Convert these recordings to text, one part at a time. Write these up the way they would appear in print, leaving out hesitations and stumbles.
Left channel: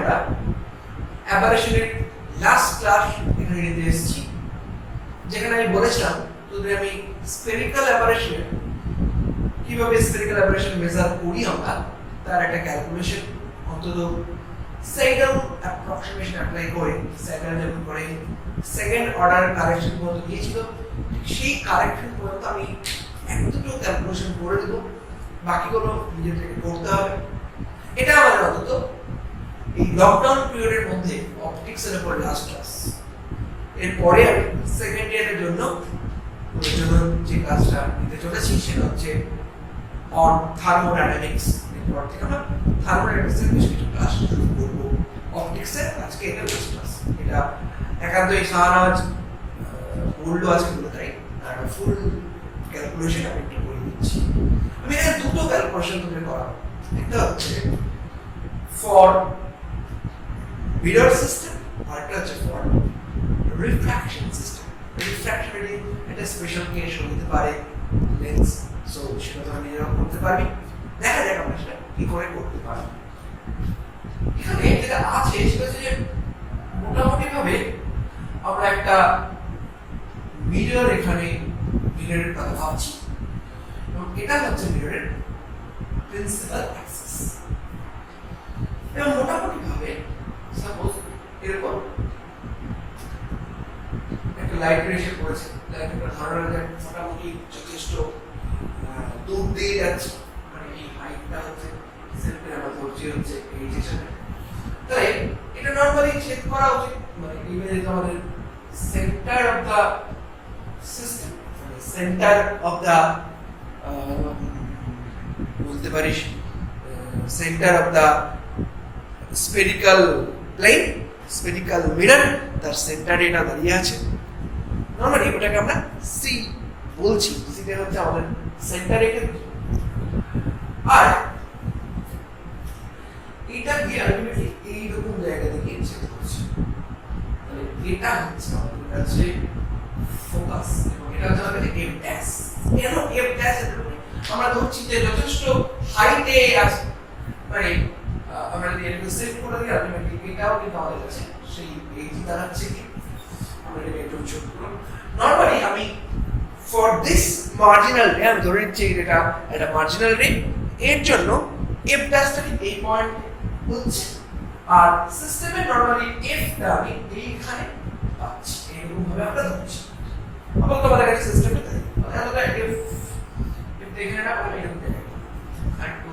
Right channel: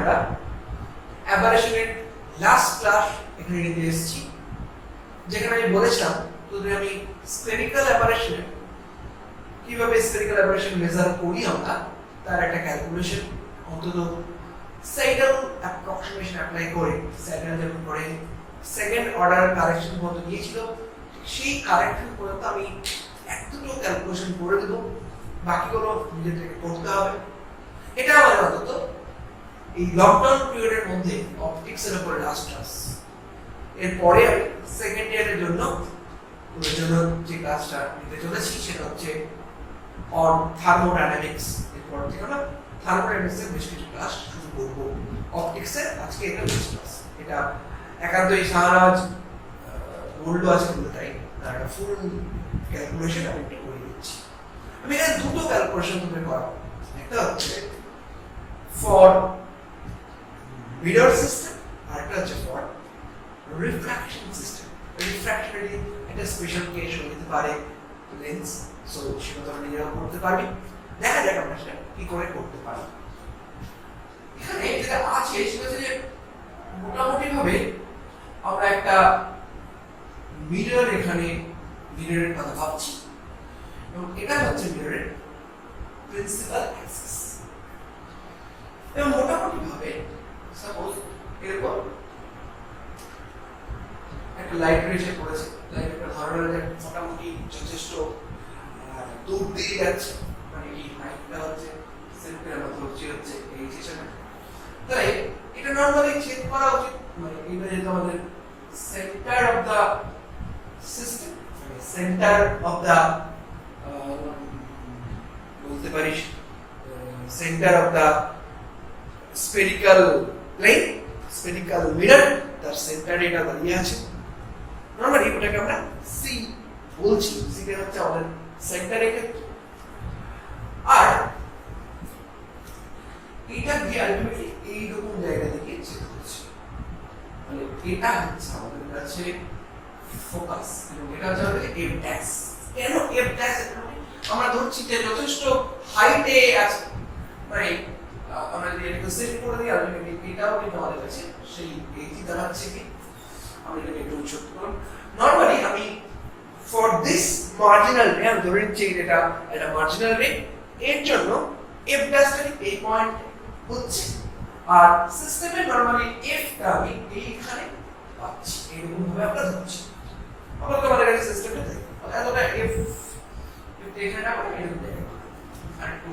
আমরা অ্যাবারেশনের last class এখানে নিতে এসেছি, যেখানে আমি বলেছিলাম তোদের আমি স্ফেরিক্যাল অ্যাবারেশনের কিভাবে স্ফেরিক্যাল অ্যাবারেশন মেজার করি আমরা তার একটা ক্যালকুলেশন অন্তত সেডাল অ্যাপ্রক্সিমেশন অ্যাপ্লাই করে সেডাল যেমন করে সেকেন্ড অর্ডার কারেকশন পর্যন্ত দিয়েছিল, সেই কারেকশন পর্যন্ত আমি এক দুটো ক্যালকুলেশন করে দেবো, বাকিগুলো নিজে থেকে করতে হবে। এটা আমাদের অন্তত এই লকডাউন পিরিয়ডের মধ্যে অপটিক্সের উপর লাস্ট ক্লাস। এরপরে আমি সেকেন্ড ইয়ারের জন্য ওদের জন্য যে ক্লাসটা নিতে চলেছি সেটা হচ্ছে অন থার্মোডাইনামিক্স। এরপর থেকে আমরা থার্মোডাইনামিক্সের বেশ কিছু ক্লাস শুরু করবো অপটিক্সের। আজকে এটা বেস্ট ক্লাস, এটা একান্তই শাহনাজ বললো আজকে বলে তাই একটা ফুল ক্যালকুলেশন আমি একটু করে দিচ্ছি। আমি এখানে দুটো ক্যালকুলেশন তুমি করাবো, একটা হচ্ছে ফর মিরর সিস্টেম আর একটা হচ্ছে ফর রিফ্র্যাকশন সিস্টেম। রিফ্র্যাকশন একটা স্পেশাল কেস হতে পারে লেন্স, সো সেটা তো নিজেরাও করতে পারবি। দেখা যাক আমরা সেটা কি করে করতে পারি। এখানে যেটা আছে সেটা হচ্ছে যে মোটামুটি ভাবে আমরা একটা মিরর এখানে মিররের কথা ভাবছি এবং এটা হচ্ছে মিররের প্রিন্সিপাল অ্যাক্সিস। এবং মোটামুটি ভাবে সাপোজ এরকম একটা লাইট রেশে পড়েছে, লাইটটা ধরানো যায় মোটামুটি যথেষ্ট দূর দিয়ে যাচ্ছে, মানে এই হাইটটা হচ্ছে সেন্টার আমরা ধরছি হচ্ছে এই যেখানে, তাই এটা নরমালি চেক করা উচিত। মানে ইমেজে আমাদের centre of the system, centre of the বলতে পারিস centre of the spherical plane, spherical mirror, তার সেন্টারে এটা দাঁড়িয়ে আছে। নরমালি ওটাকে আমরা সি বলছি, সিটা হচ্ছে আমাদের সেন্টার এখানে। আর এটা দিয়ে আলটিমেটলি এইরকম জায়গা থেকে চেক করছি, মানে এটা হচ্ছে আমাদের কাছে ফোকাস এবং এটা হচ্ছে আমাদের এফ ড্যাশ। কেন এফ ড্যাশ? আমরা ধরছি যে যথেষ্ট হাইটে আছে, মানে আমরা যদি একটু সেট করে দিই আলটিমেটলি এটাও কিন্তু আমাদের কাছে সেই এইটি দাঁড়াচ্ছে কি। আমরা এটাকে একটু ছোট করব। নরমালি আমি ফর দিস মার্জিনাল রে আমি ধরে নিচ্ছি এটা একটা মার্জিনাল রে, এর জন্য এফ ড্যাশটা এই পয়েন্ট হচ্ছে, আর সিস্টেমে নরমালি এফটা আমি এইখানে পাচ্ছি, এরকম ভাবে আমরা ধরছি। আবার তোমাদের কাছে সিস্টেমে থাকে মানে এতটা এফ এখানে না করে এরকম দেখে আর একটু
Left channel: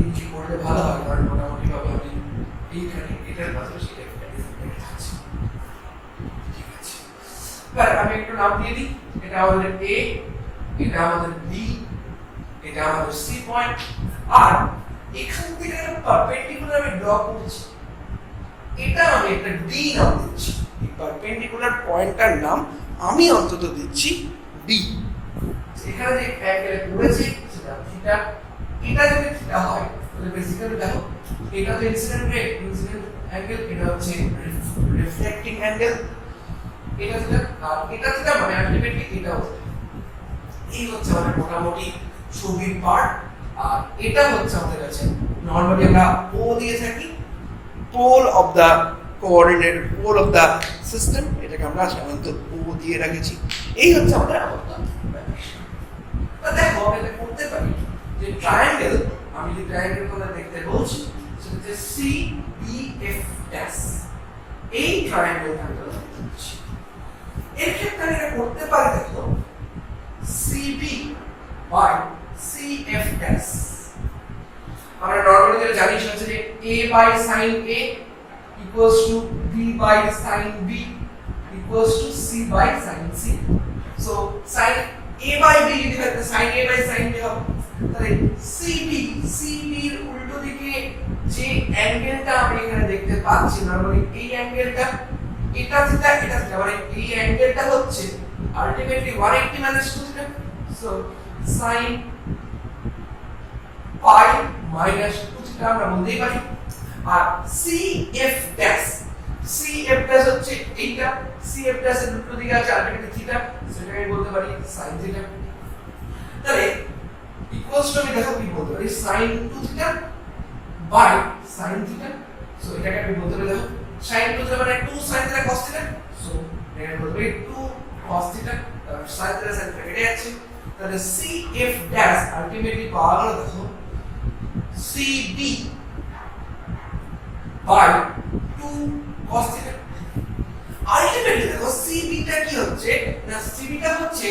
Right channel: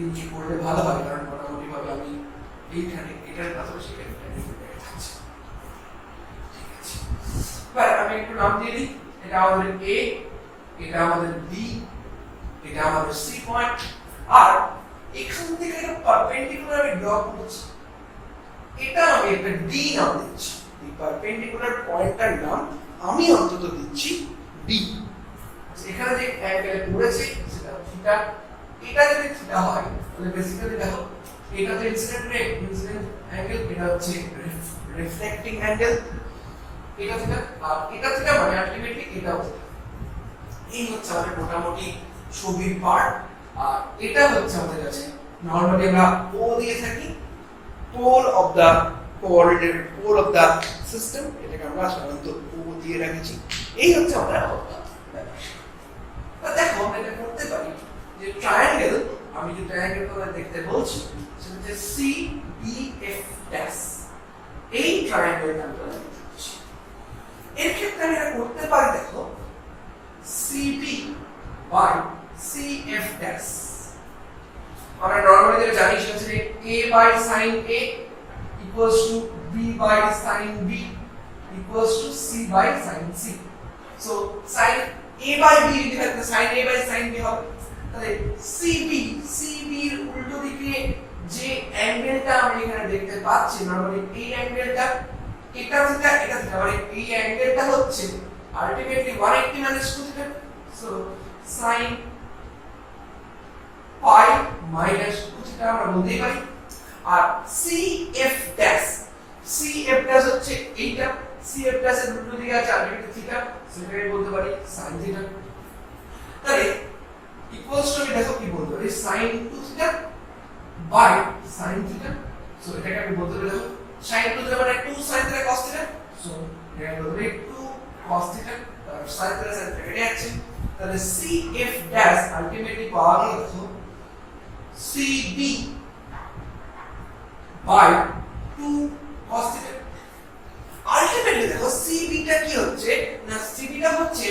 এই কি করলে ভালো হয়, কারণ মোটামুটি ভাবে আমি এইখানে এটার পাশাপাশি এফটা দেখে থাকছি। ঠিক আছে, এবার আমি একটু নাম দিয়ে দিই। এটা আমাদের এ, এটা আমাদের বি, এটা আমাদের সি পয়েন্ট, আর এখান থেকে একটা পারপেন্ডিকুলার আমি ড্র করছি, এটা আমি একটা ডি নাম দিচ্ছি। এই পারপেন্ডিকুলার পয়েন্টটার নাম আমি অন্তত দিচ্ছি ডি। এখানে যে অ্যাঙ্গেল পড়েছে সেটা থিটা, এটা যদি থিটা হয় তাহলে বেসিক্যালি দেখো এটা তো ইনসিডেন্ট রে, ইনসিডেন্ট অ্যাঙ্গেল, এটা হচ্ছে রিফ্লেক্টিং অ্যাঙ্গেল, এটা থিটা, আর এটা থিটা মানে আলটিমেটলি এটাও থিটা। এই হচ্ছে আমাদের মোটামুটি ছবির পার্ট। আর এটা হচ্ছে আমাদের কাছে নরমালি আমরা ও দিয়ে থাকি, pole of the coordinate, pole of the system, এটাকে আমরা সাধারণত ও দিয়ে রেখেছি। এই হচ্ছে আমাদের অবস্থা। দেখো আমরা এটা করতে পারি যে ট্রায়াঙ্গেল, আমি যে ট্রায়াঙ্গেল কথা দেখতে বলছি সেটা হচ্ছে সি বি এফ ড্যাশ। এই ট্রায়াঙ্গেলটা আমরা দেখছি, এর ক্ষেত্রে আমি এটা করতে পারি। দেখো সিবি বাই সিএফ ড্যাশ, আমরা নরমালি যেটা জানি সেটা হচ্ছে যে a by sin a equals to b by sin b equals to c by sin c। So sin a by b যদি থাকে sin a by sin b হবে, তাহলে cb এর উল্টো দিকে যে অ্যাঙ্গেলটা আমরা এখানে দেখতে পাচ্ছি নরমালি এই অ্যাঙ্গেলটা, এটা থিটা এটা থিটা, মানে এই অ্যাঙ্গেলটা হচ্ছে ultimately 180 minus 2 theta. So sin পাই মাইনাস 2 থিটা আমরা বলতেই পারি। আর CF ড্যাশ, CF ড্যাশ হচ্ছে এইটা, CF ড্যাশ এর উল্টো দিকে আছে আলটিমেটলি থিটা, সেটাকে বলতে পারি sin থিটা। তাহলে ইকুয়ালস টু আমি দেখো কি বলতে পারি sin 2 theta by sin theta. So এটাকে আমি বলতে পারি দেখো sin টু মানে 2 sin theta cos theta so এটাকে বলতে পারি 2 cos theta sin theta sin theta কেটে যাচ্ছে তাহলে CF ড্যাশ আলটিমেটলি পাওয়া গেল দেখো CD by 2 cos theta ultimately দেখো CB টা কি হচ্ছে না CB টা হচ্ছে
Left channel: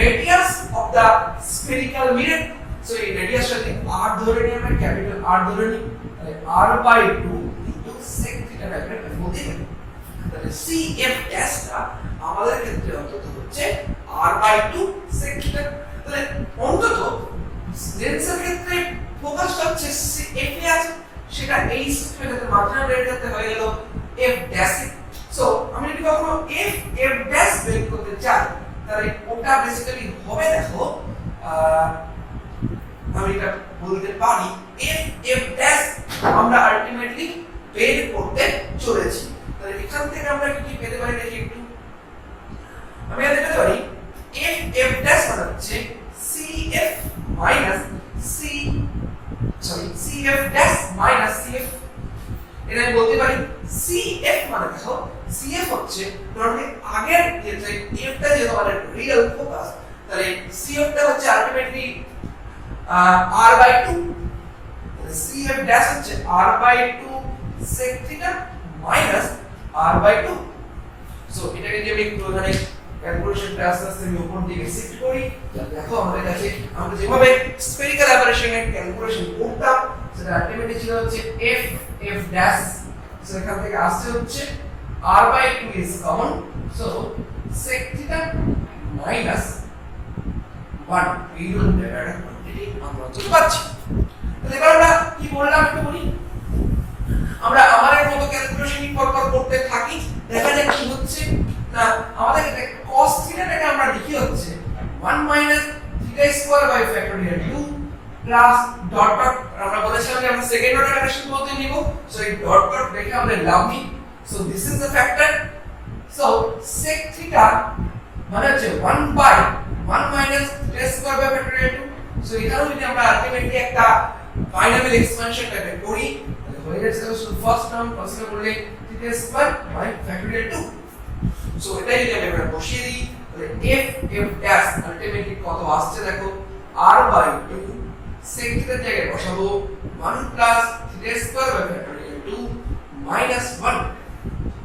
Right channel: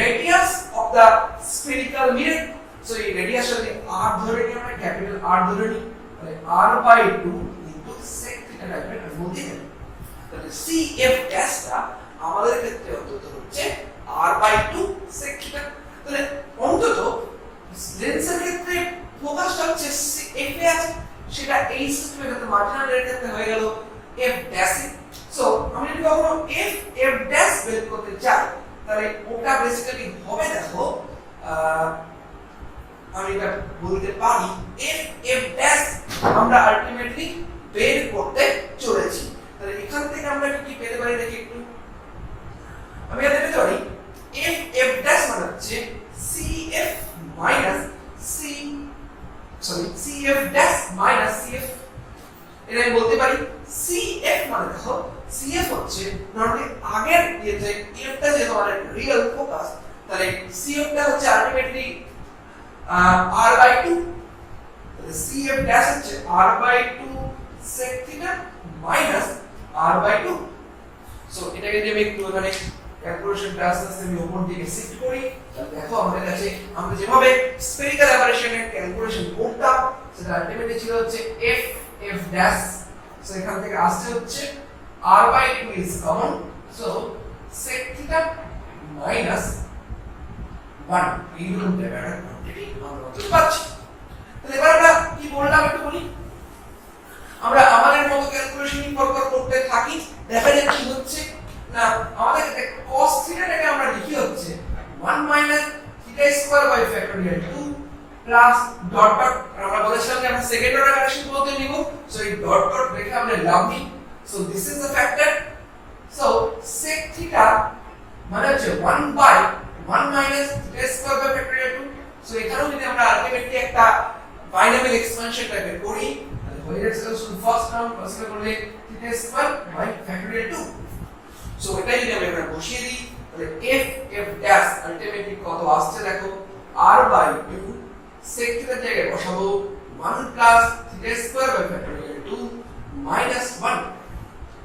radius of the spherical mirror so এই রেডিয়াসটাকে r ধরে নিই আমরা ক্যাপিটাল R ধরে নিই তাহলে r by 2 into sec theta রাখলে বলতে পারি তাহলে CF ড্যাশটা আমাদের ক্ষেত্রে অন্তত হচ্ছে r বাই 2 sec থিটা তাহলে অন্তত লেন্সের ক্ষেত্রে ফোকাসটা হচ্ছে f এ আছে সেটা এই সিস্টেমের মাঝখানে রেখে হয়ে গেল f ড্যাশ সো আমি যদি কখনো f ড্যাশ বের করতে চাই তাহলে ওটা বেসিক্যালি হবে দেখো আমি এটা বলতে পারি f ড্যাশ আমরা আলটিমেটলি বের করতে চলেছি তাহলে এখান থেকে আমরা কি পেতে পারি দেখি একটু আমি এটা পেতে পারি f ড্যাশ মানে হচ্ছে cf minus cf dash minus cf এটা আমি বলতে পারি cf মানে দেখো cf হচ্ছে নরমালি আগের যে f টা যে আমাদের রিয়েল ফোকাস তাহলে cf টা হচ্ছে আলটিমেটলি r বাই 2 তাহলে cf ড্যাশ হচ্ছে r by 2 sec theta minus r by 2 so এটাকে যদি আমি একটু এখানে ক্যালকুলেশনটা আস্তে আস্তে আমি উপর দিকে শিফট করি তাহলে দেখো আমাদের কাছে আমরা যেভাবে স্ফেরিক্যাল অ্যাবারেশনের ক্যালকুলেশন করতাম সেটা আলটিমেটলি ছিল হচ্ছে f ড্যাশ সো এখান থেকে আসছে হচ্ছে r by 2 is common so sec theta minus 1 এই রকম একটা কোয়ান্টিটি আমরা বুঝতে পারছি তাহলে এবার আমরা কি বললাম একটু বলি আমরা আমাদের মতো ক্যালকুলেশন করতে থাকি দেখা যাক কি হচ্ছে না আমাদের ক্ষেত্রে cos থিটাটাকে আমরা লিখি হচ্ছে 1 minus theta square by factorial 2 plus dot dot আমরা বলেছিলাম যে আমরা সেকেন্ড অর্ডার কানেকশন বলতে নিব সো এই ডট ডট রেখে আমরা লাম্বি so this is the factor so sec theta মানে হচ্ছে 1 by 1 minus theta square by factorial 2 so এখানেও যদি আমরা আলটিমেটলি একটা বাইনামিয়াল এক্সপানশন টাইপের করি তাহলে হয়ে যাচ্ছে ফার্স্ট টার্ম কনসিডার করলে theta square by factorial 2 so এটা যদি আমি এখানে বসিয়ে দিই তাহলে f ড্যাশ আলটিমেটলি কত আসছে দেখো r বাই 2 sec থিটার জায়গায় বসাবো 1 plus theta square by factorial 2 minus 1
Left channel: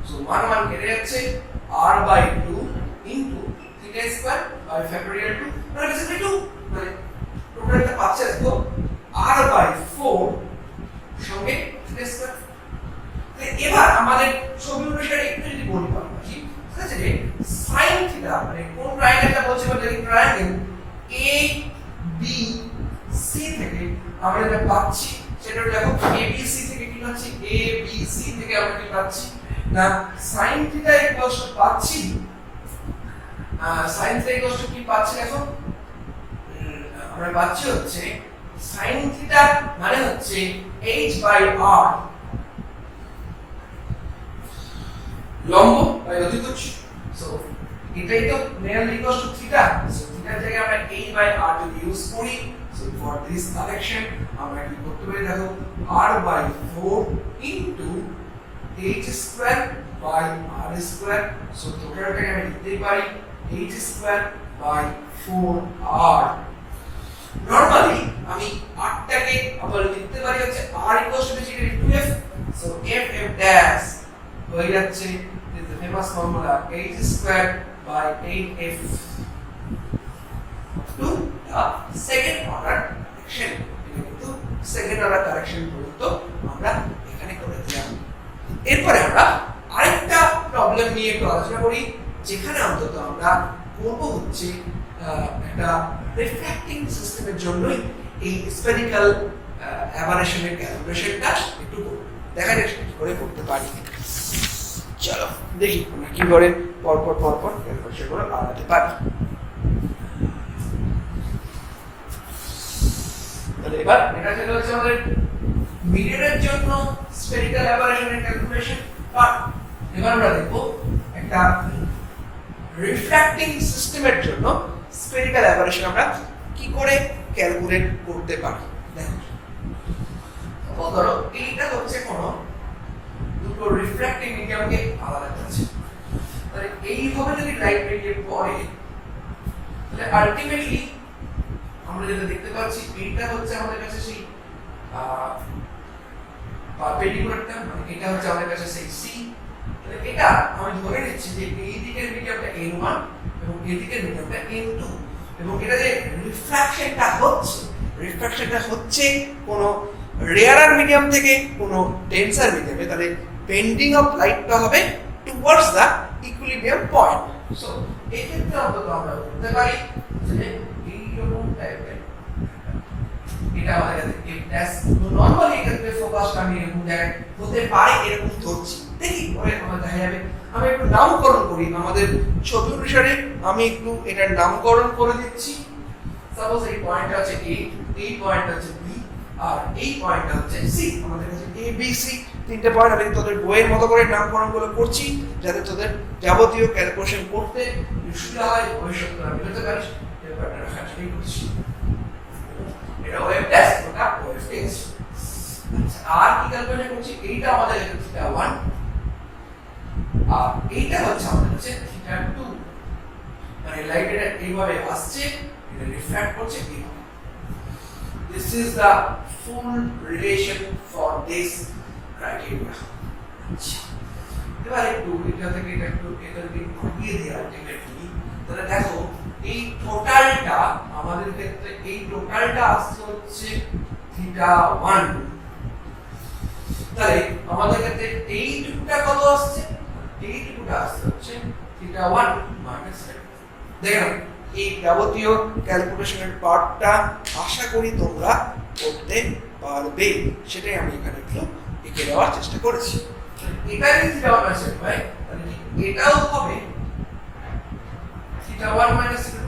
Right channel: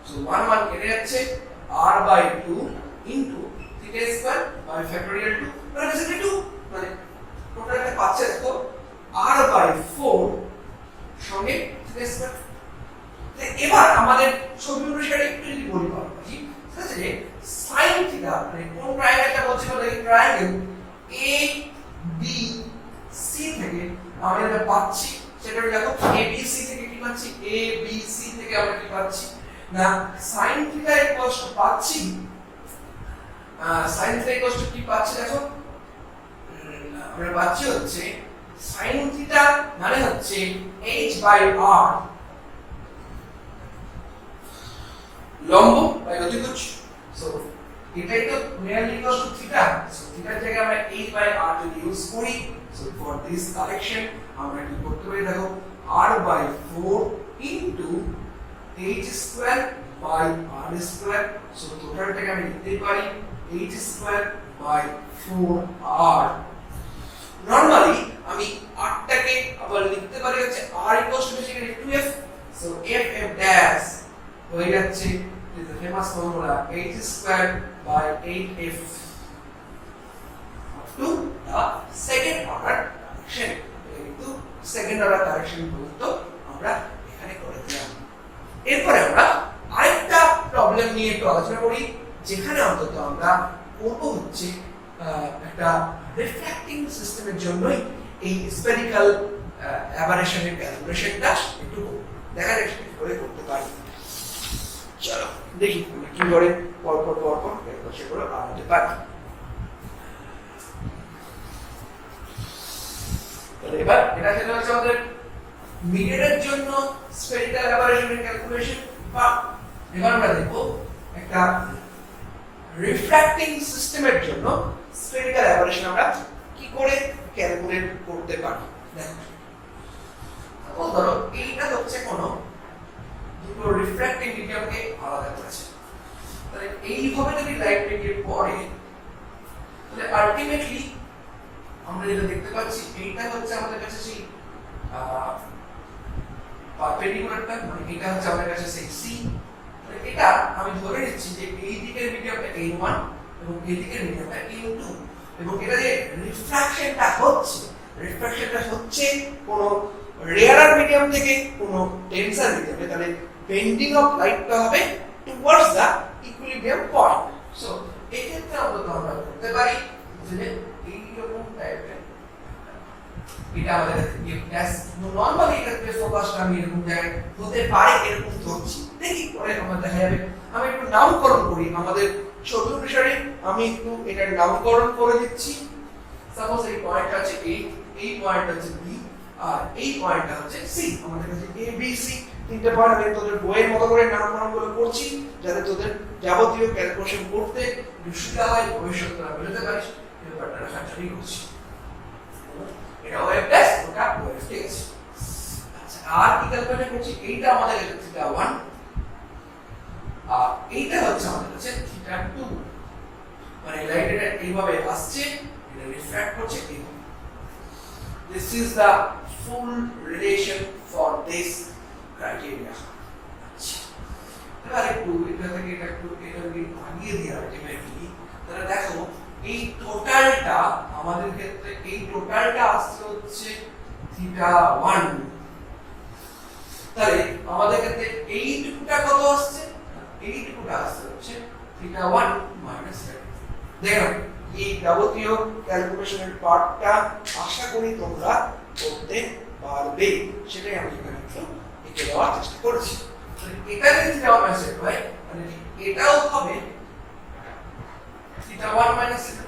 so 1 1 কেটে যাচ্ছে r by 2 into theta square by factorial 2 মানে বেসিক্যালি 2 মানে টোটালটা পাচ্ছে দেখো r বাই 4 সঙ্গে থিটা স্কয়ার এবার আমাদের ছবি অনুসারে একটু যদি বলি পারবো কি ঠিক আছে যে sin থিটা মানে কোন ট্রায়াঙ্গেলটা বলছি বলতে এই ট্রায়াঙ্গেল A B C থেকে আমরা এটা পাচ্ছি সেটা দেখো A B C থেকে কি পাচ্ছি A B C থেকে আমরা কি পাচ্ছি না sin থিটা ইকুয়ালস টু পাচ্ছি sin থিটা ইকুয়ালস টু কি পাচ্ছি দেখো আমরা পাচ্ছি হচ্ছে sin থিটা মানে হচ্ছে h বাই r লম্ব বাই অতিভুজ সো এটাই তো nearly equals to theta so থিটার জায়গায় আমরা h বাই r যদি ইউজ করি সো ফর দিস কারেকশন আমরা কি করতে পারি দেখো r by 4 into h square by r square so টোটালটাকে আমি লিখতে পারি h square by 4r normally আমি r টাকে আবার লিখতে পারি হচ্ছে r equals to basically 2f so f dash হয়ে যাচ্ছে is the famous formula h square by 8f to the second order correction কিন্তু সেকেন্ড অর্ডার কারেকশন পর্যন্ত আমরা এখানে করে দিলাম এরপরে আমরা আরেকটা প্রবলেম নিয়ে একটু আলোচনা করি যেখানে অন্তত আমরা করব হচ্ছে একটা রিফ্র্যাক্টিং সিস্টেমের জন্যই এই স্ফেরিক্যাল অ্যাবারেশনের ক্যালকুলেশনটা একটু দেখা যাক করে করতে পারি চলো দেখি আমরা কি করে পরপর ক্যালকুলেশন করে আনতে পারি তাহলে এবার এটা ছিল হচ্ছে আমাদের মিররের জন্য স্ফেরিক্যাল অ্যাবারেশনের ক্যালকুলেশন পার্ট এবার আমরা দেখব একটা রিফ্র্যাক্টিং সিস্টেমের জন্য স্ফেরিক্যাল অ্যাবারেশন আমরা কি করে ক্যালকুলেট করতে পারি দেখো ধরো এইটা হচ্ছে কোন দুটো রিফ্র্যাক্টিং মিডিয়ামকে আলাদা করেছে। তাহলে এইভাবে যদি লাইট বেরিয়ে পড়ে তাহলে আলটিমেটলি আমরা যেটা দেখতে পাচ্ছি এইটা হচ্ছে আমাদের কাছে সেই পারপেন্ডিকুলারটা, মানে এটা হচ্ছে আমাদের কাছে সেই সি। তাহলে এটা আমি ধরে নিচ্ছি যে এই দিকের মিডিয়ামটা n1 এবং এই দিকের মিডিয়ামটা n2, এবং এটা যে রিফ্রাকশনটা হচ্ছে কোন রেয়ারার মিডিয়াম থেকে কোন ডেন্সার মিডিয়ামে, তাহলে বেন্ডিং অফ লাইটটা হবে towards the equilibrium point. So এই ক্ষেত্রে আমরা বলতে পারি যে এইরকম টাইপের এটা আমাদের কাছে ড্যাশ নরমালি এক্ষেত্রে ফোকাসটা আমি এরকম জায়গায় হতে পারে এরকম ধরছি, দেখি পরে আমার দেখা যাবে। আমি একটু নামকরণ করি আমাদের ছবি অনুসারে, আমি একটু এটার নামকরণ করে দিচ্ছি। সাপোজ এই পয়েন্টটা হচ্ছে A, এই পয়েন্টটা হচ্ছে B, আর এই পয়েন্টটা হচ্ছে C। আমাদের কাছে A B C তিনটে পয়েন্ট, আমি তোদের বইয়ের মতো করে নামকরণগুলো করছি যাতে তোদের যাবতীয় ক্যালকুলেশন করতে সুবিধা হয়, ভবিষ্যতে তোরা বুঝতে পারিস। ব্যাপারটা রাখাটাই করছি। এটা ওয়েভ ড্যাশ, ওটা ওয়েভ ড্যাশ। আচ্ছা, আর কি ক্যালকুলেশন করছি? এইটা আমাদের থিটা 1 আর এইটা হচ্ছে আমাদের কাছে থিটা 2। মানে লাইট এটা এইভাবে আসছে, এটা রিফ্র্যাক্ট করছে এইভাবে। This is the full relation for this criteria. আচ্ছা, এবার একটু এটা থেকে এটা একটু দিয়ে দিই আলটিমেটলি। তাহলে দেখো এই টোটালটা আমাদের ক্ষেত্রে এই টোটালটা আসছে হচ্ছে থিটা 1। তাহলে আমাদের ক্ষেত্রে এইটুকুটা কত আসছে? এইটুকুটা আসছে হচ্ছে থিটা 1 মাইনাস থিটা 2। দেখো এই যাবতীয় ক্যালকুলেশনের পার্টটা আশা করি তোমরা করতে পারবে, সেটাই আমি এখানে একটু এঁকে দেওয়ার চেষ্টা করেছি। এটা যদি থিটা 1 মাইনাস থিটা 2 হয় তাহলে এটাও হবে থিটা 1 মাইনাস থিটা 2।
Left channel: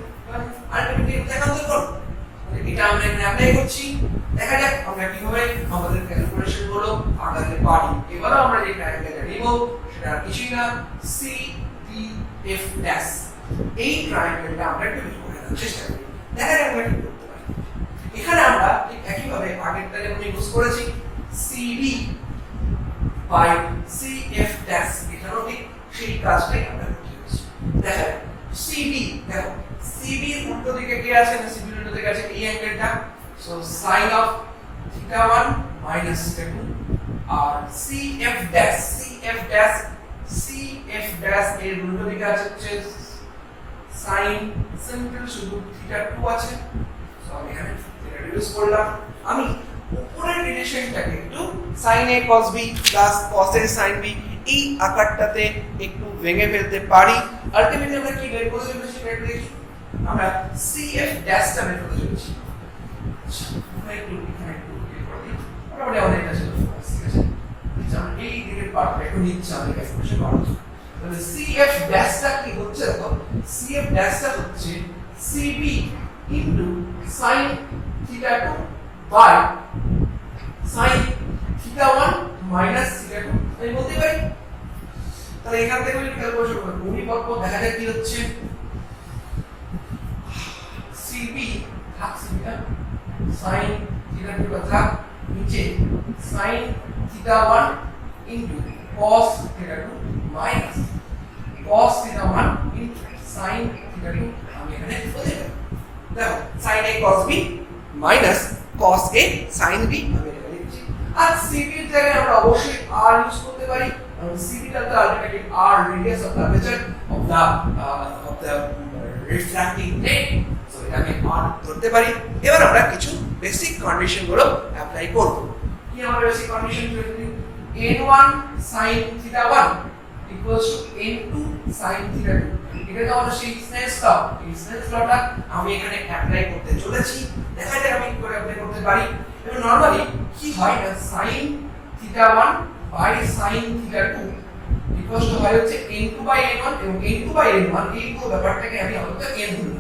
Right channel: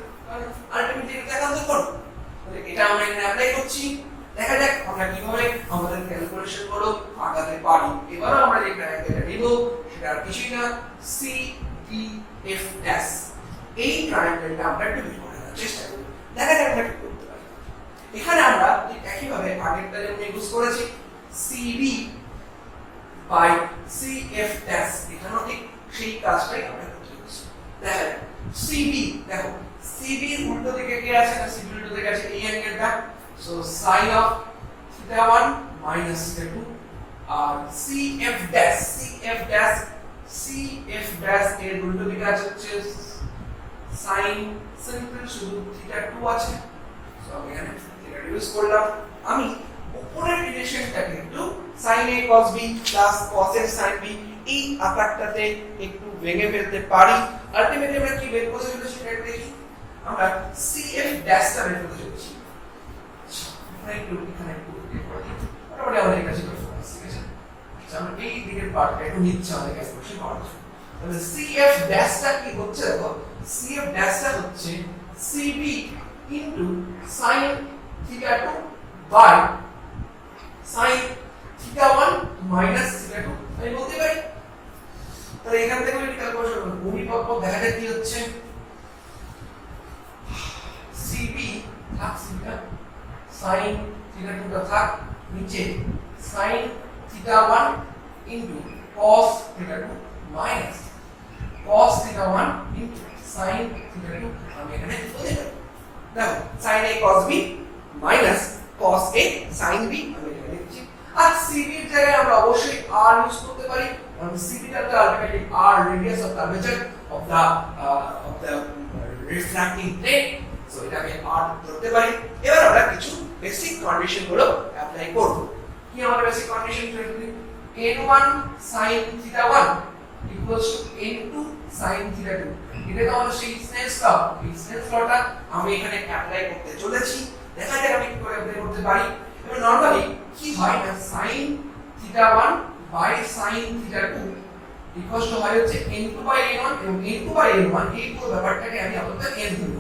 আলটিমেটলি এটা দেখাতে পারো। তাহলে এটা আমরা এখানে অ্যাপ্লাই করছি। দেখা যাক আমরা কিভাবে আমাদের ক্যালকুলেশন গুলো আগাতে পারি। এবারে আমরা যে ট্রায়াঙ্গেলটা নিব সেটা আর কিছুই না, সি ডি এফ ড্যাশ। এই ট্রায়াঙ্গেলটা আমরা একটু বের করে নেওয়ার চেষ্টা করি। দেখা যাক আমরা কি করতে পারি। এখানে আমরা ঠিক একইভাবে আগেরটা যেমন ইউজ করেছি সিবি বাই সিএফ ড্যাশ, এখানেও ঠিক সেই কাজটাই আমরা করতে চলেছি। দেখা যাক সিবি, দেখো সিবি এর উল্টো দিকে কি আছে? না সিবি উল্টো দিকে আছে এই অ্যাঙ্গেলটা। So sin of theta 1 minus theta 2 আর সিএফ ড্যাশ এর উল্টো দিকে আছে হচ্ছে sin সিম্পল শুধু থিটা 2 আছে। সো আমি এখানে থিটা ইউজ করলাম। আমি উপরের রিলেশনটাকে একটু sin a cos b plus cos a sin b এই আকারটাতে একটু ভেঙে ফেলতে পারি। আলটিমেটলি আমরা কি বের করতে চলেছি সেটা দেখি। আমরা CF ড্যাশটা বের করতে চলেছি। এখানে একটু বের করে দিই। তারপরে আমাদের কাছে তো ফোকাস, ঠিক আছে? আচ্ছা, আমরা এই দিকের পার্টটা একটু নিচ্ছি আমাদের ক্যালকুলেশন করার জন্য। তাহলে CF ড্যাশটা কি হচ্ছে? দেখো CF ড্যাশটা হচ্ছে CB into sin theta 2 by sin theta 1 minus theta 2 আমি বলতে পারি। তাহলে এখান থেকে আমি ক্যালকুলেশন করব। ভূমিকম্প দেখা যায় কি হচ্ছে? CB থাক থিটা sin থিটা 2 টা থাক নিচে sin theta 1 into cos theta 2 minus cos theta 1 into sin theta 2 আমি এখানে বলতে পারি। দেখো sin a cos b minus cos a sin b আমি এখানে লিখছি। আর CB এর জায়গায় আমরা অবশ্যই r ইউজ করতে পারি, কারণ CB টা তো ultimately r radius of curvature of the refracting plane. So এটা আমি r ধরতে পারি। এবার আমরা কিছু বেসিক কন্ডিশন গুলো অ্যাপ্লাই করব। কি আমাদের বেসিক কন্ডিশন গুলো? n1 sin theta 1 equals to n2 sin theta 2। এটা তো আমাদের সেই স্নেলস ল, এই স্নেলস লটা আমি এখানে অ্যাপ্লাই করতে চলেছি। দেখা যাক আমি কি করে অ্যাপ্লাই করতে পারি। এবং নরমালি কি হয় না sin theta 1 by sin theta 2 equals to হয় হচ্ছে n2 বাই n1 এবং n2 বাই n1 এই পুরো ব্যাপারটাকে আমি আপাতত n ধরব।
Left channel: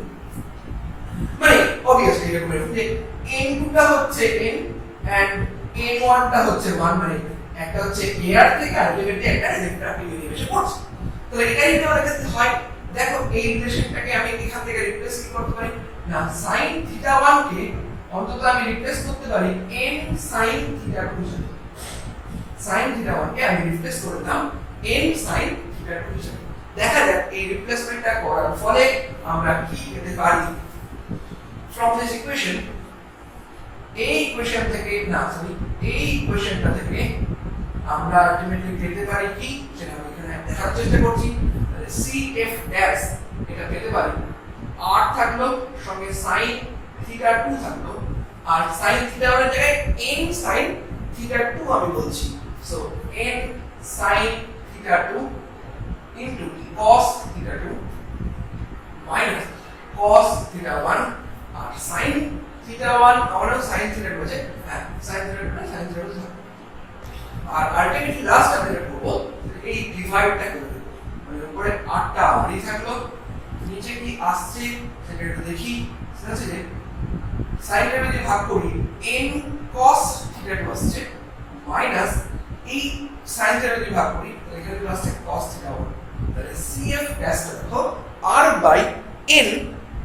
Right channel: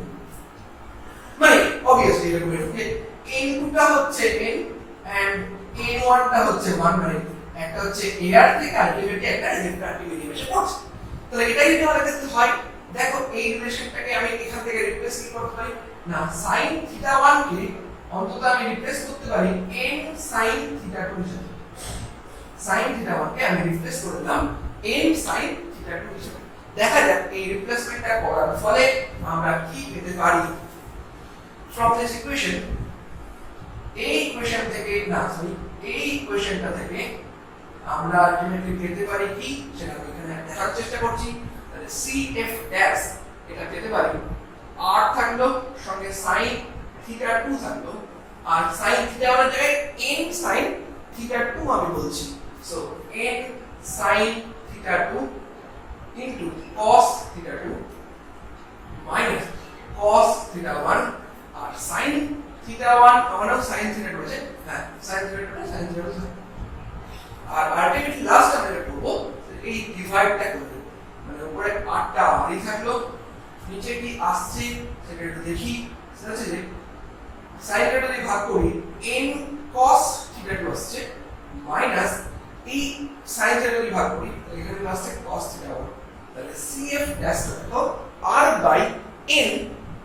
মানে obviously এরকম যে n2 টা হচ্ছে n and n1 টা হচ্ছে 1, মানে একটা হচ্ছে এয়ার থেকে আলটিমেটলি একটা রিফ্র্যাক্টিভ এলিমেন্টে পড়ছে। তাহলে এটাই যদি আমাদের কাছে হয়, দেখো এই রিলেশনটাকে আমি এখান থেকে রিপ্লেস কি করতে পারি না sin থিটা 1 কে অন্তত আমি রিপ্লেস করতে পারি n sin থিটা 2 সাথে। sin থিটা 1 কে আমি রিপ্লেস করে দিলাম n sin থিটা 2 হিসেবে। দেখা যাক এই রিপ্লেসমেন্টটা করার ফলে আমরা কি পেতে পারি। from this equation এই ইকুয়েশন থেকে না সরি এই ইকুয়েশনটা থেকে আমরা আলটিমেটলি পেতে পারি কি সেটা আমি এখানে দেখার চেষ্টা করছি। তাহলে CF ড্যাশ এটা পেতে পারি r থাকলো সঙ্গে sin থিটা 2 থাকলো আর sin থিটা 1 এর জায়গায় n sin থিটা 2 আমি বলছি। So n sin theta 2 into cos theta 2 minus cos theta 1 আর sin theta 1 আমরা sin theta 2 আছে হ্যাঁ sin theta 2 sin theta 2 আর আলটিমেটলি লাস্ট আমরা যেটা করব এই ডিভাইডটা করে দেব মানে উপরে 8টা আরই থাকলো নিচে কি আসছে সেটা একটু দেখি। সেটা হচ্ছে যে sin theta যদি ভাগ করি n cos theta 2 আসছে মাইনাস এই sin theta যদি ভাগ করি তাহলে এখানে আসছে cos theta 1। তাহলে CF ড্যাশ দেখো r by n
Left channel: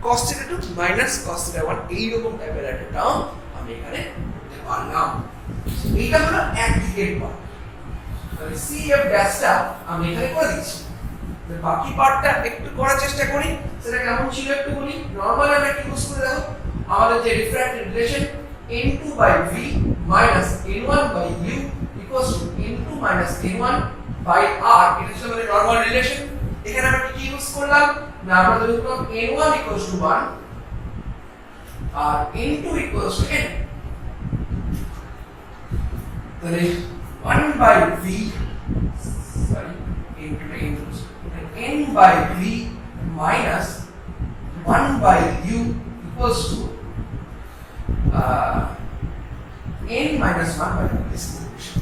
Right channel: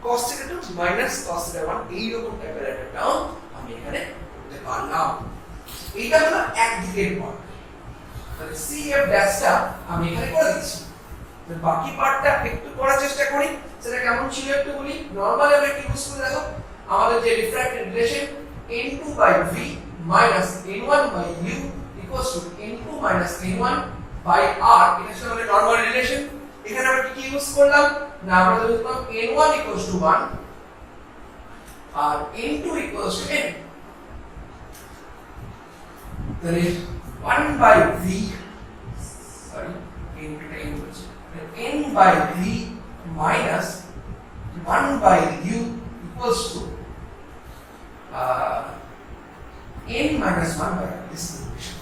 cos theta 2 minus cos theta 1 এই রকম টাইপের একটা টার্ম আমি এখানে লিখতে পারলাম। এইটা হলো একদিকের পার্ট। তাহলে CF ড্যাশটা আমি এখানে করে দিচ্ছি। তাহলে বাকি পার্টটা একটু করার চেষ্টা করি সেটা কেমন ছিল একটু বলি। নরমালি আমরা কি ইউজ করে দেখো আমাদের যে refracted relation n2 by v minus n1 by u equals to n2 minus n1 by r এটা ছিল আমাদের নরমাল রিলেশন। এখানে আমরা কি ইউজ করলাম না আমরা ধরলাম n1 equals to 1 R n2 equals to n। তাহলে 1 by v sorry n by v minus 1 by u equals to n minus 1 by this equation।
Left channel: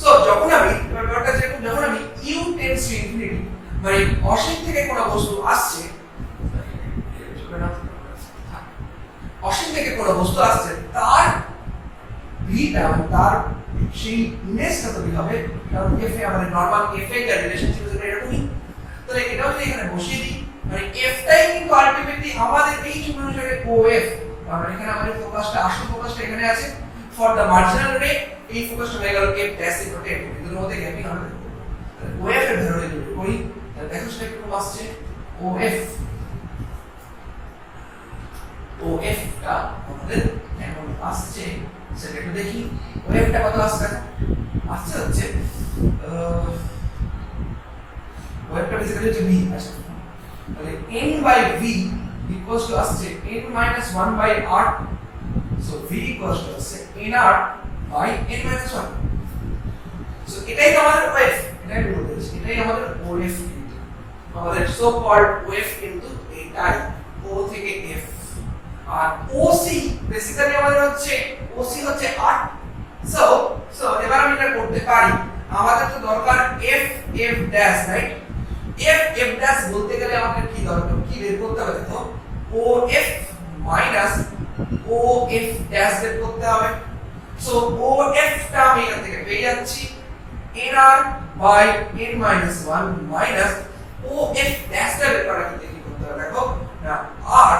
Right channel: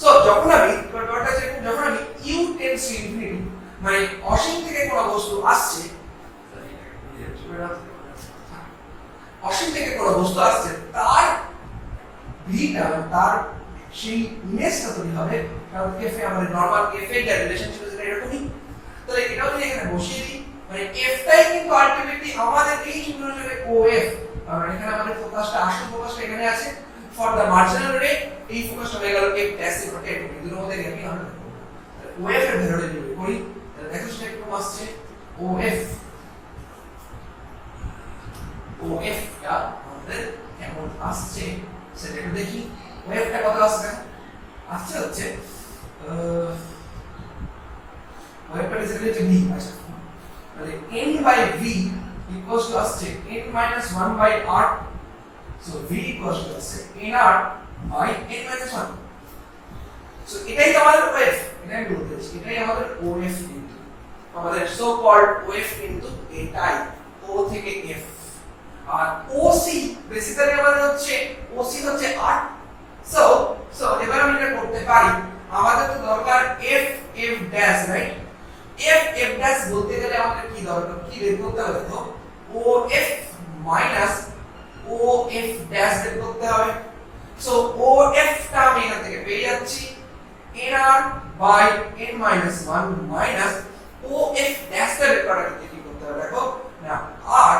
So যখন আমি ব্যাপারটা যেরকম যখন আমি u tends to infinity মানে অসীম থেকে কোন বস্তু আসছে অসীম থেকে কোন বস্তু আসছে তার ভিটা তার সেই ইমেজটা তৈরি হবে কারণ f এ আমাদের নরমাল f এর যে রিলেশন ছিল সেটা এরকমই। তাহলে এটাও যদি এখানে বসিয়ে দিই মানে f টাই কিন্তু আলটিমেটলি আমাদের এই চিহ্নটাকে OF কারণ এখানে আমাদের ফোকাসটা আসল ফোকাসটা এখানে আছে ফর দা মার্জিনাল রে এই ফোকাসটা হয়ে গেল f ড্যাশ এর রোটেট এর মধ্যে গ্যাপিং হবে। তাহলে OF এর ভেতরে যদি করি তাহলে দেখো সেটা কি আসছে OF টা আমাদের কেমন আসছে সেটা একটু দেখি। OF টা কত আসছে আসছে হচ্ছে OF টা বেসিক্যালি হচ্ছে v আছে তাহলে n by v equals to আসছে n minus 1 by r so v equals to আসছে nr by n minus 1। so এটাই আমাদের OF এটাই বলতেছি এটাই আমাদের OF কিন্তু আমাদের সো কল্ড OF কিন্তু এটাই O থেকে F আর OC বেসিক্যালি আমাদের হচ্ছে OC হচ্ছে r সো এবার আমি এটা করতে পারি আমাদের তো দরকার f f dash right f f dash বলতে গেলে আমাদের কি দরকার কি বের করতে হবে তো OF মাইনাস OF ড্যাশ বের করতে হবে। সো OF টা আমি এখান থেকে পেয়ে যাচ্ছি nr by n minus 1 minus OF dash টা বের করার ক্ষেত্রে কি করতে হবে দেখো না r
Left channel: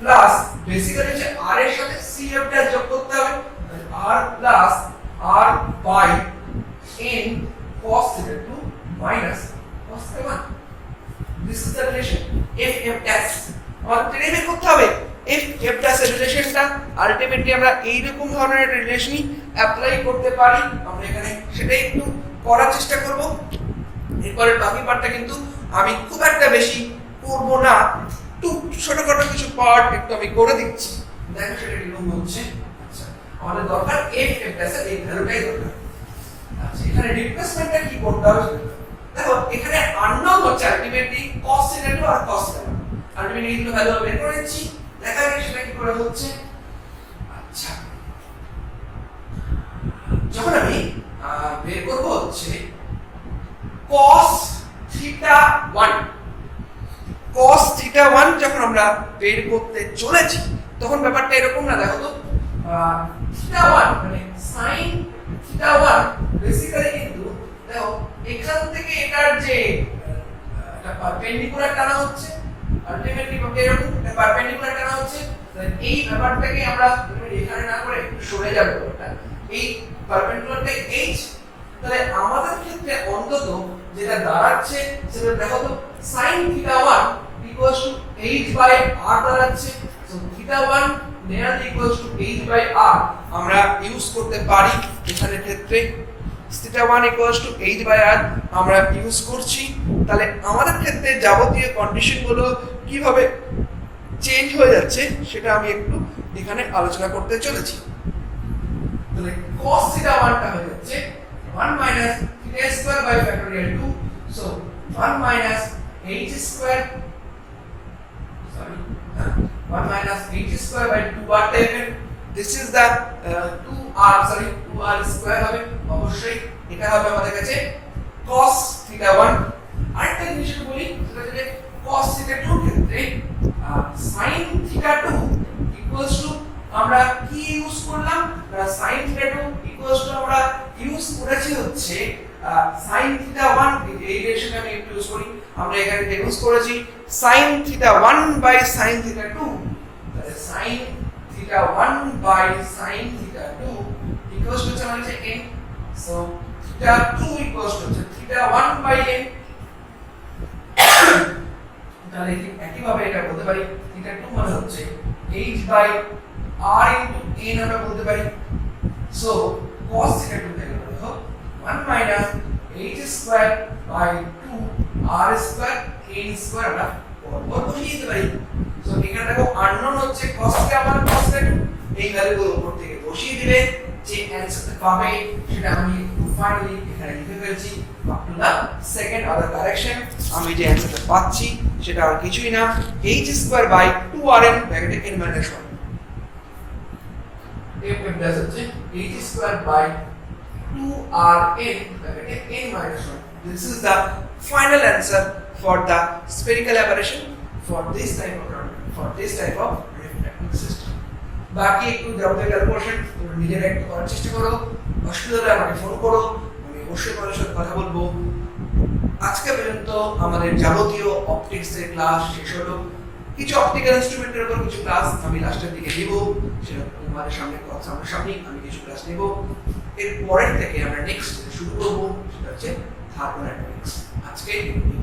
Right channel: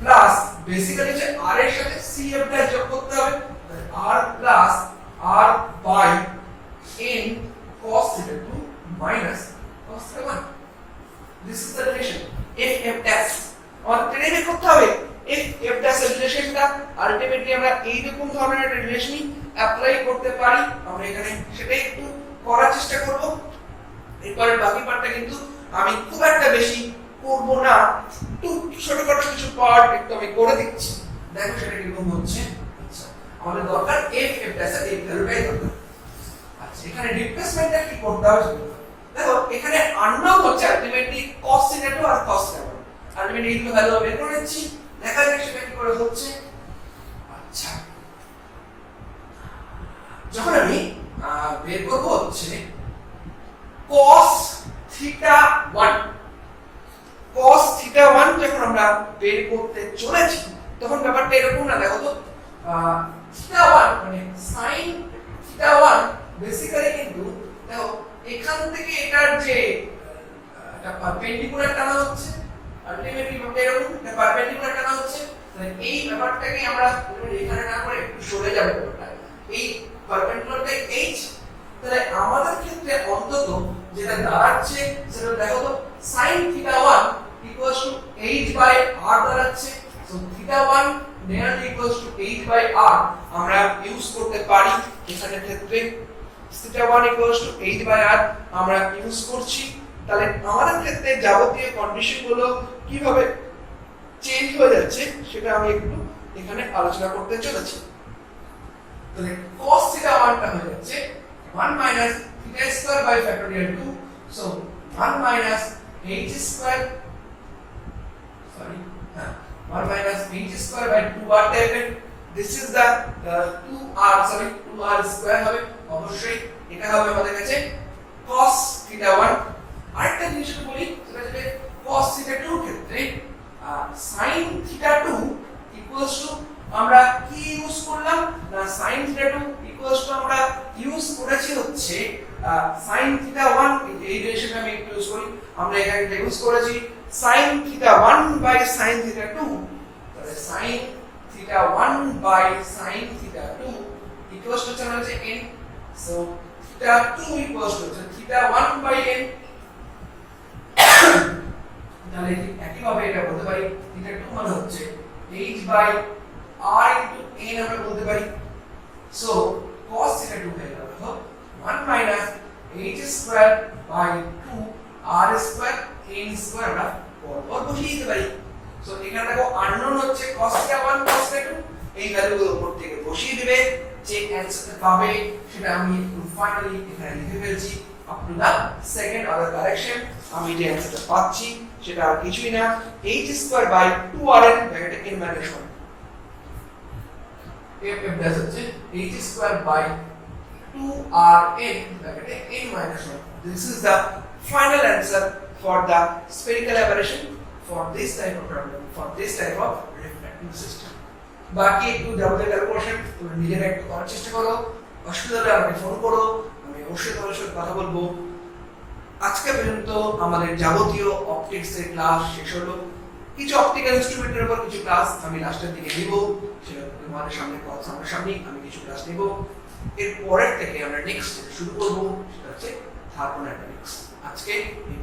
প্লাস বেসিক্যালি যে r এর সাথে CF ড্যাশ যোগ করতে হবে r plus r by n cos theta 2 minus cos theta 1 this is the relation f f dash और ট্রেনে করতে হবে f f dash এর রিলেশনটা আলটিমেটলি আমরা এই রকম ধরনের একটা রিলেশনই অ্যাপ্লাই করতে পারি আমরা এখানে সেটাই একটু করার চেষ্টা করব। এরপরে বাকি পার্টটা কিন্তু আমি খুব একটা বেশি করব না একটু ছোটখাটো কিছু পার্ট একটু আমি করে দিচ্ছি দেখো সেটা কিরকম হচ্ছে। আমাদের দরকার f f ড্যাশ এর এই ভ্যালুটাই দরকার। আচ্ছা এখানে রিপ্লেসমেন্টটা কি করতে হবে দেখো এখানে আননোন হচ্ছে আলটিমেটলি cos theta 2 আর cos theta 1 আলটিমেটলি এই দুটো ভ্যালু বের করে নিচ্ছি দেখা যাক সেটা কি করে হচ্ছে। আচ্ছা যখন আমি বের করব হচ্ছে cos theta 1 যখন আমরা বের করতে চলেছি তখন ব্যাপারটা এরকম না দেখো তো theta 1 মানে sin theta 1 বেসিক্যালি কিন্তু দেখো এখান থেকে এটার যে একটা পারপেন্ডিকুলার টানা হচ্ছে আলটিমেটলি এরকম একটা পারপেন্ডিকুলার টানা হচ্ছে তাহলে এই ব্যাপারটাকে আমরা এখানে না করে একটু সরে যাবে ব্যাপারটা এই পারপেন্ডিকুলারটা h তাহলে আমাদের ক্ষেত্রে অন্তত যেটা দাঁড়াচ্ছে সেটা দেখো তো sin θ1 equals to h by r দাঁড়াচ্ছে। So θ1 nearly equals to h by r আমরা ইউজ করতে পারি এখানে ক্ষেত্রে θ1 equals to h by r আমরা ইউজ করছি। তাহলে আমাদের ক্ষেত্রে যাবতীয় কন্ডিশন গুলো কিভাবে চেঞ্জ হয়ে যাচ্ছে সেটা আমি একটু এখানে আলোচনা করতে চলেছি। তাহলে cos θ1 টা হয়ে যাচ্ছে 1 minus theta square by factorial 2, so 1 minus h square, sorry, 1 minus h square by 2r টাইপের। this is the 2r, sorry, 2r square হবে অবশ্যই, এটা হবে আমাদের কাছে cos θ1। আরেকটা জিনিস বলি সেটা হচ্ছে cos θ2 এর ক্ষেত্রে sin θ2 equals to আমরা কি ইউজ করলাম না sin θ2 equals to আমরা ইউজ করেছি হচ্ছে sin θ1, এই রিলেশনটা আমি একটু ইউজ করি, আমরা এখানে ইউজ করেছি sin θ1 by sin θ2, তাহলে sin θ1 by sin θ2 equals to আমাদের কাছে n, so θ2 equals to θ1 by n। তাহলে একই ভাবে এটা বলতে পারি θ2 মানে হচ্ছে h by r into n আমরা বলতে পারি। so cos θ2 তাই দেখো 1 minus h square by 2 r square n square আমরা পরপর বসিয়ে দিতে পারি। so এখানে দেখো unknown হচ্ছে cos θ1 cos θ2, এই ভ্যালুগুলো উপর থেকে বসিয়ে দিলে যে অ্যানসারটা পাবে সেটা আমি ফাইনালি এখানে লিখে ফেলছি up to the second order correction। আমি যে অ্যানসারটা পাচ্ছি সেটা আর কিছুই না h square by 2rn ব্র্যাকেটে n minus 1, f dash হচ্ছে h square by 2rn ব্র্যাকেটে n minus 1। this is the final answer for the spherical aberration for this type of refracting system। বাকি একটু যাবতীয় ক্যালকুলেশন নিজেরা একটু করার চেষ্টা করো, অসুবিধা হলে আমাকে ফোন করো, আমি অবশ্যই তোমাদের সাথে কথা বলবো। আজকে পর্যন্ত আমাদের যাবতীয় অপটিক্স এর ক্লাস শেষ হলো। কিছু অপটিক্যাল ইনস্ট্রুমেন্টের উপর কিছু ক্লাস আমি লাস্টের দিকে নিব, সেটা তোমাদের সামনে আমি কিছু ক্লাস নিব। এর পরের থেকে আমরা নেক্সট শুরু করব সেটা হচ্ছে থার্মোডাইনামিক্স। আজকে এই